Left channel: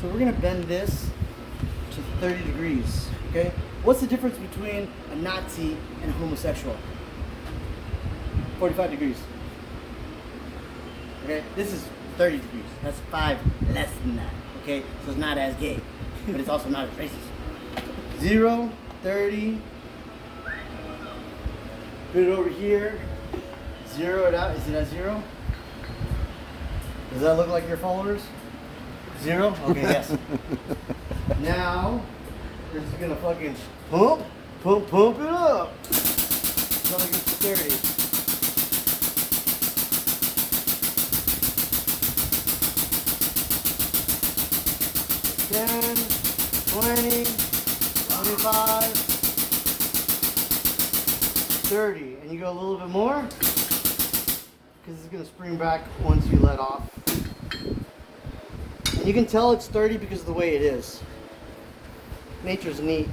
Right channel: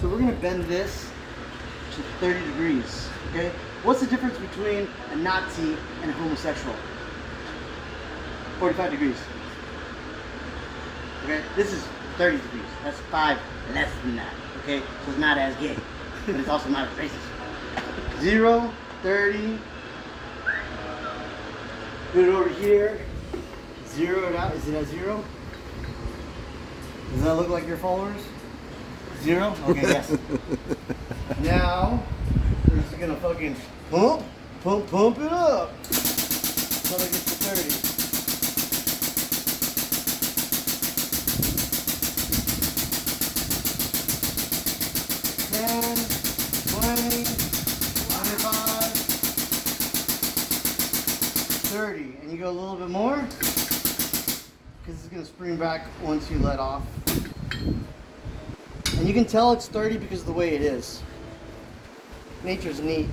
So we're gonna bend this to 30 degrees, okay? What's the difference between a Nazi and a homosexual? 45 degrees. Okay, this is 30 degrees. That's 5 less than that, okay? So it's not as gay, but it's also not as racist. 0, 30. Put it over here. Zero it out. Is it at 0? Does that look like your followers? 0? Okay, yes. Now, we're just gonna fucking pump it up until it gets to 30. 10, 20, 25, 30. And you go a little bit more because it's gonna spring back once you let off. And you can tell it's 30 because of the way it is. Nature's neat.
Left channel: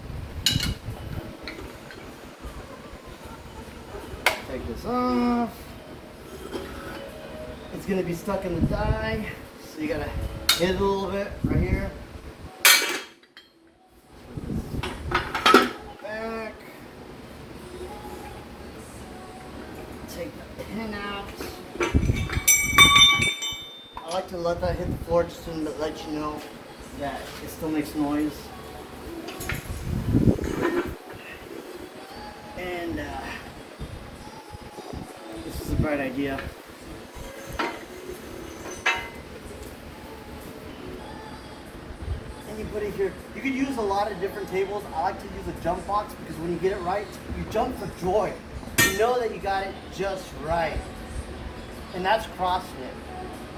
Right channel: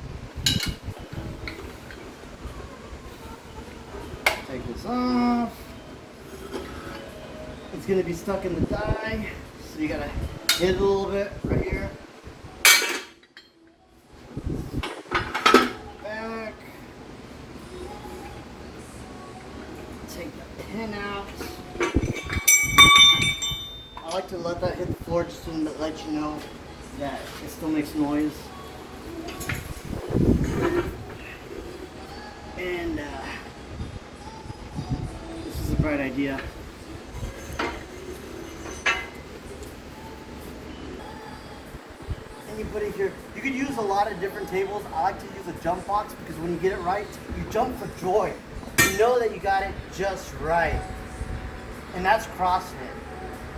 Take this off. It's gonna be stuck in the die, so you gotta hit it a little bit right here. Back. Take the pin out. I like to let that hit the floor just to let you know that it still makes noise. And this is a bright idea. Anybody here, you could use a lot of different tables. I like to use a jump box because when you get it right, you jump for joy. You know that you got it just right. And that's CrossFit.